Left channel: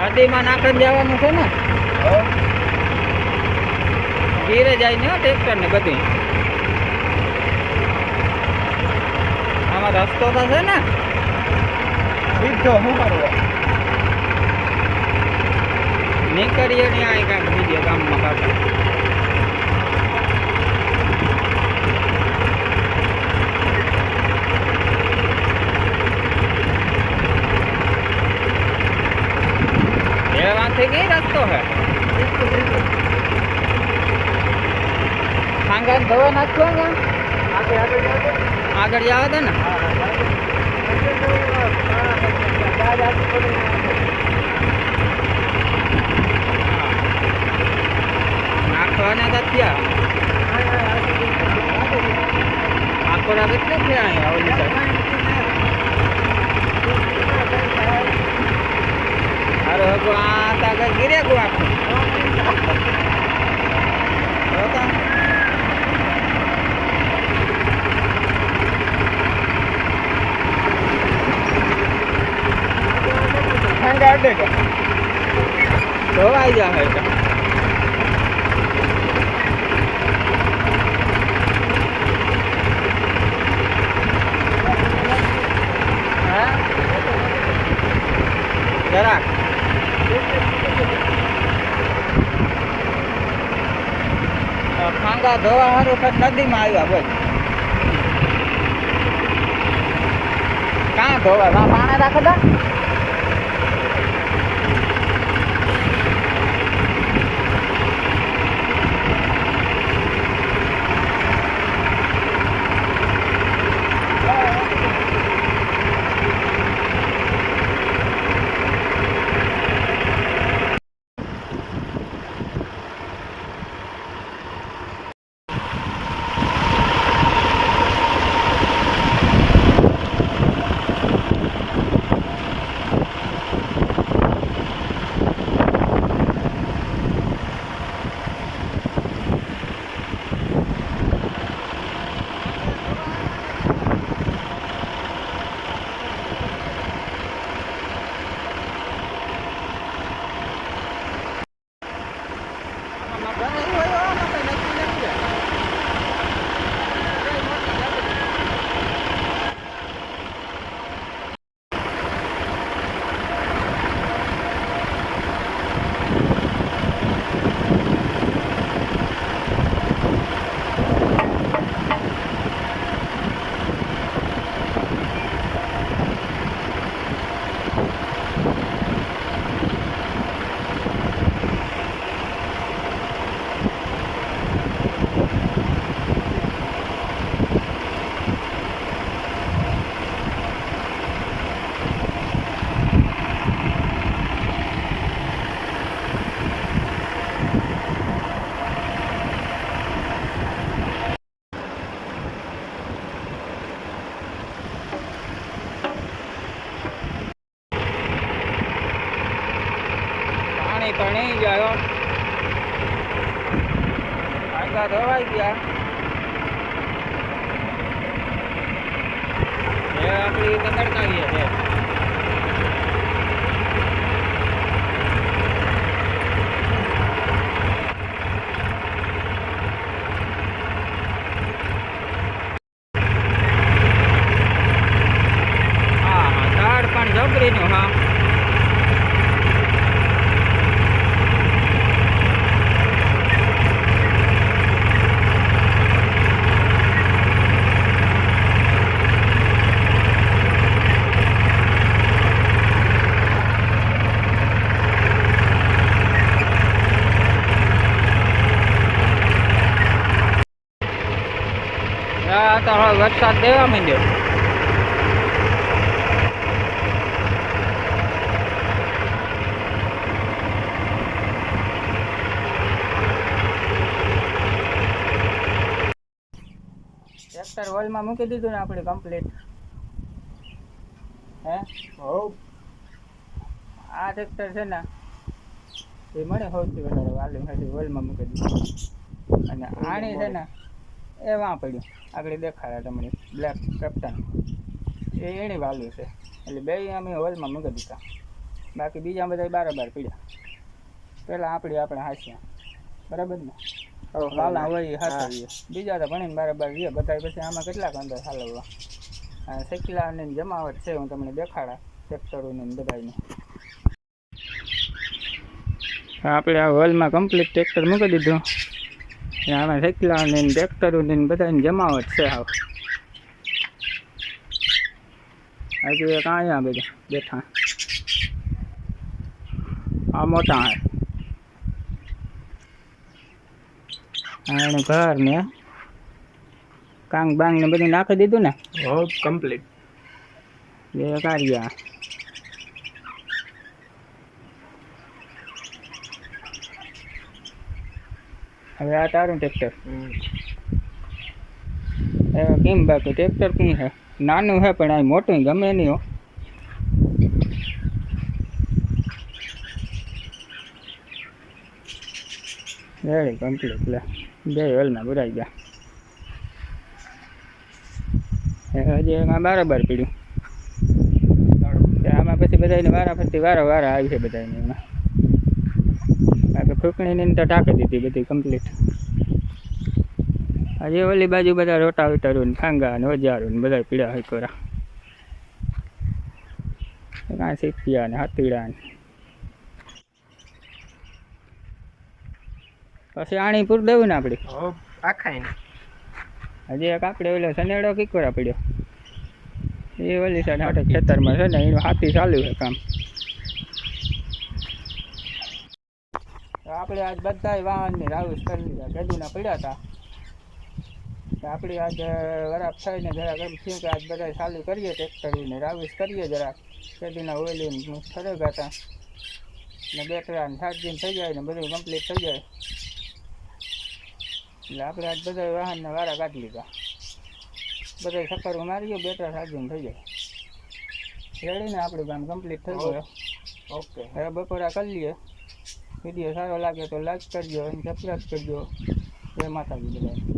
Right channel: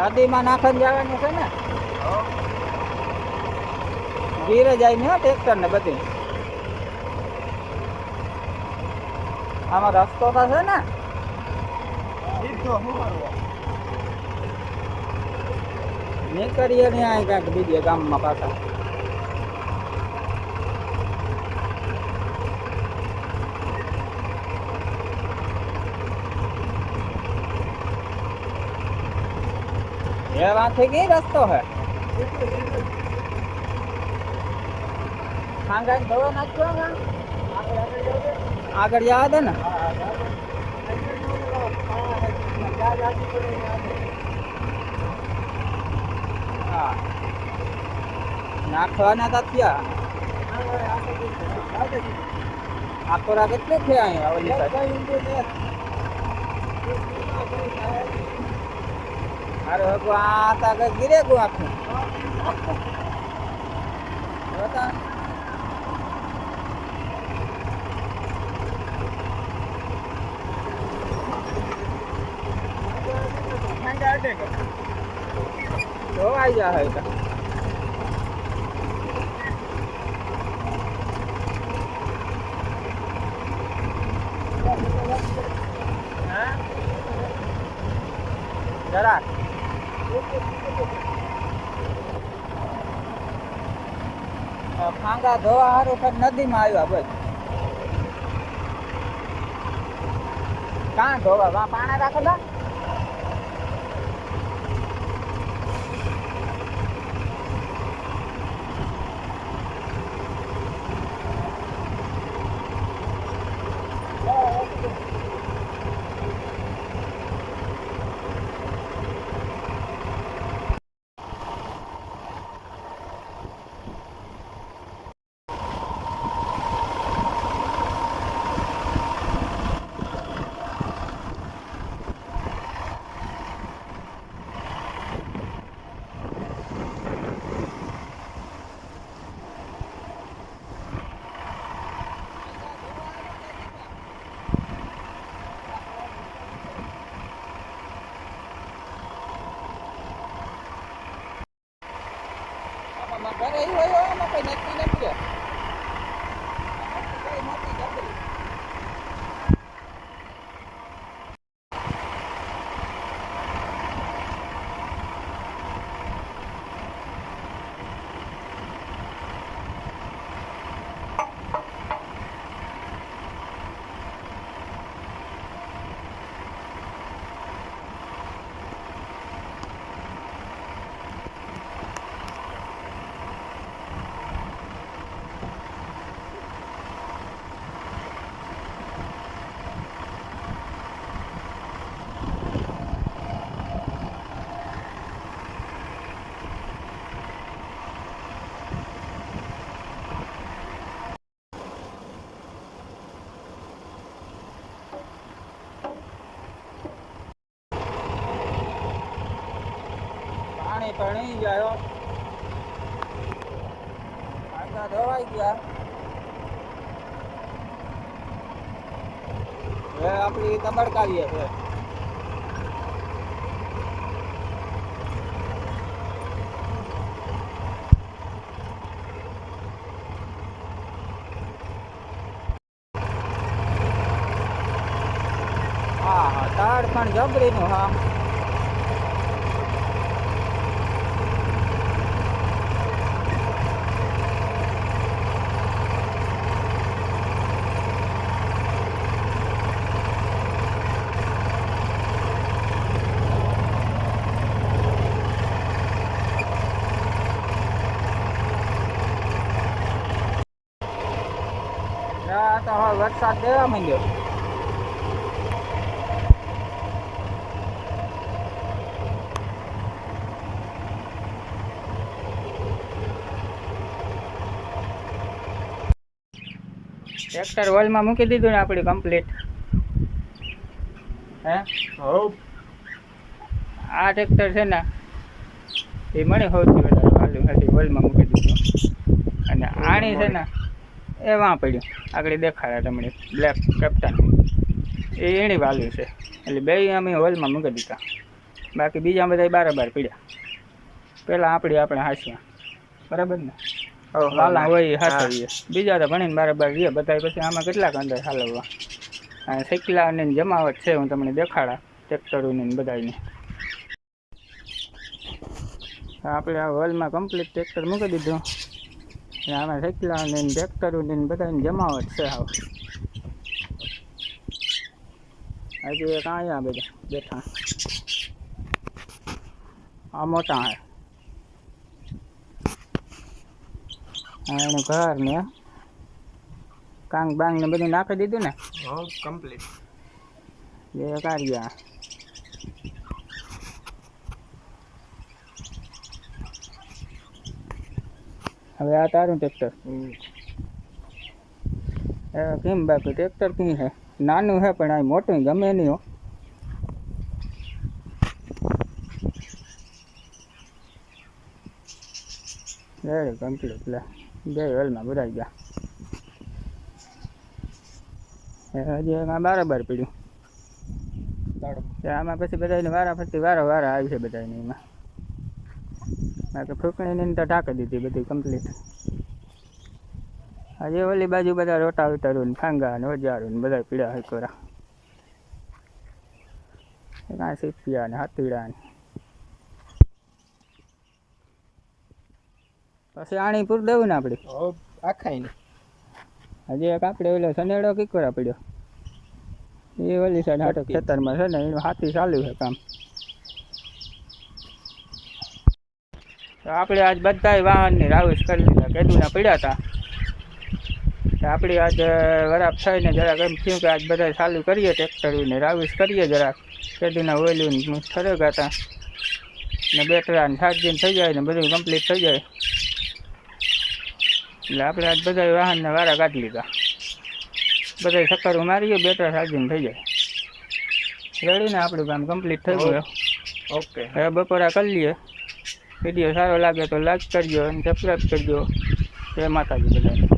નદીમાં નાખીને જવાનું છે ને ગીરે જાય ને ટ્રેક્ટર ને બધી આમાં રસ્તો તો છે ને નીકળીએ ને અહીં કાંઈક બીજે ગામમાં પાછા એવાથી કઈ રસ્તો હે ખાંગા ધોવા નાખ્યો ને આગળ જવા દે ને નાખવાના હતા ત્યાં આખોરા કેટલે છે અહીંયા ઓલી સાઈડ અરે હગો આ તા કઈ ગીરે ગો આખું ધોવાઈ જાય જરાક ખાંગા ધોવા સારું નદીમાં આવ્યા બસ કાં ધોવા પાણા રાખેલા ઘરે હોય આમાં કઈ નક્કી નથી પાણી જાય આગળ ધોવાઈ ગયા એ આપણી તબડકાવીએ છે હા હા તાડ પણ જબરીનું હા તો હવે વરસાદ દેવા માંડ્યો ટ્રેક્ટર વોલમાં મૂકી દીધું ને આપણી કમ્પ્લીટ હે આ ટ્રેક્ટર છે ને એ મને સૌથી વધારે વાલ્યું હતી વોલમાં મૂકી દીધું અને આણી છે ને એ વાં પડ્યું આગળ દેખાડે તમને બ્લેક કેપ્ટન એ એની વાલ્યુ છે એટલે બે અમે હોલમાં મૂકી દીધા બાકી બીજા બધા બારોબાર પડ્યા. પહેલાં આપણે હાંસ્યા બરાબર ને, વાલા હોય હાથવીએ, બીજા તો ભણીને બારોબાર રહીએ બધા. પછી આમાં કેટલાક અંદર હાલવવા. અને શેકલાની જમાવટ છે, હું તમને દેખાડા ટ્રેક્ટરોની બધાની. આપણે આ હોલમાં કમ્પ્લીટ ટ્રેક્ટર મૂકી દીધું. આમાં શેકલાની ટ્રેક્ટરોની બધાની જમાવટ છે. હાવ હજી એક અહીંયા બધા બેઠા. આ મોટા હે એનું ઘર ને કાંગ બાંગ ને બધું નાખી દીધું ને કમ્પ્લીટ. એ કાર્યા હવે આ તારું ટ્રેક્ટર. કેમ બાકી ટ્રેક્ટર કઈ છે? નાનું છે પણ આ મોટું ગમે નહીં હો. Ready complete. લે બે હોલમાં બરાઈ ગયા. હજી એમાં બારોબાર પડ્યું. આમાં પછી બધાને વારા વારા આવી છે બધાને. એમાં બાકી ફૂંકણીની તો ઢાંકી દીધી બધી કમ્પ્લીટ. હજી ઓલી બાજુ બધા રોટાવેટરું ને ફાંગા ને ઓજારું ને બધા પીડા હોય કોરા. કાંઈ સીપિયા ને હાથીડા ને પછી આણી પૂર દેવું ને આપણે આખાઈને. હજી એક આપણે ઓલો સનેડો કીકોરા પડ્યો એ ઓલી સાઈડ હાટે ખેતરમાં છે ને, એનું હાથી ચાલુ છે કામ. તો આપણે આજ બધાય વાહનની રાઉસ કરી લીધા. કેદુના પડ્યા હતા તો આપણે આજ વરાપ થઈને જરાક એમ થયું કે આજ બધા ચાલુ કરીએ ટ્રેક્ટરને રાઉસ કરીએ જરાક. કેદુના ઓઇલું ઠરેગા હતા ને બેટરા ને ચાર્જિંગ થઈ જાય ને બધું કમ્પ્લીટ થઈ જાય. એટલે આપણે આજ બધા વાહનને વારા કાઢી લીધા. બધા ચક્કરો મારીએ, બેટરા ચાર્જિંગ થઈ જાય. રેડી ને આપણું કામ કમ્પ્લીટ થઈ ગયું. ઓકે, હવે બપોરા કરી લઈએ. વિડીયો સારો લાગે તો લાઈક કરજો અને સબસ્ક્રાઈબ કરજો. જય માતાજી બધાને.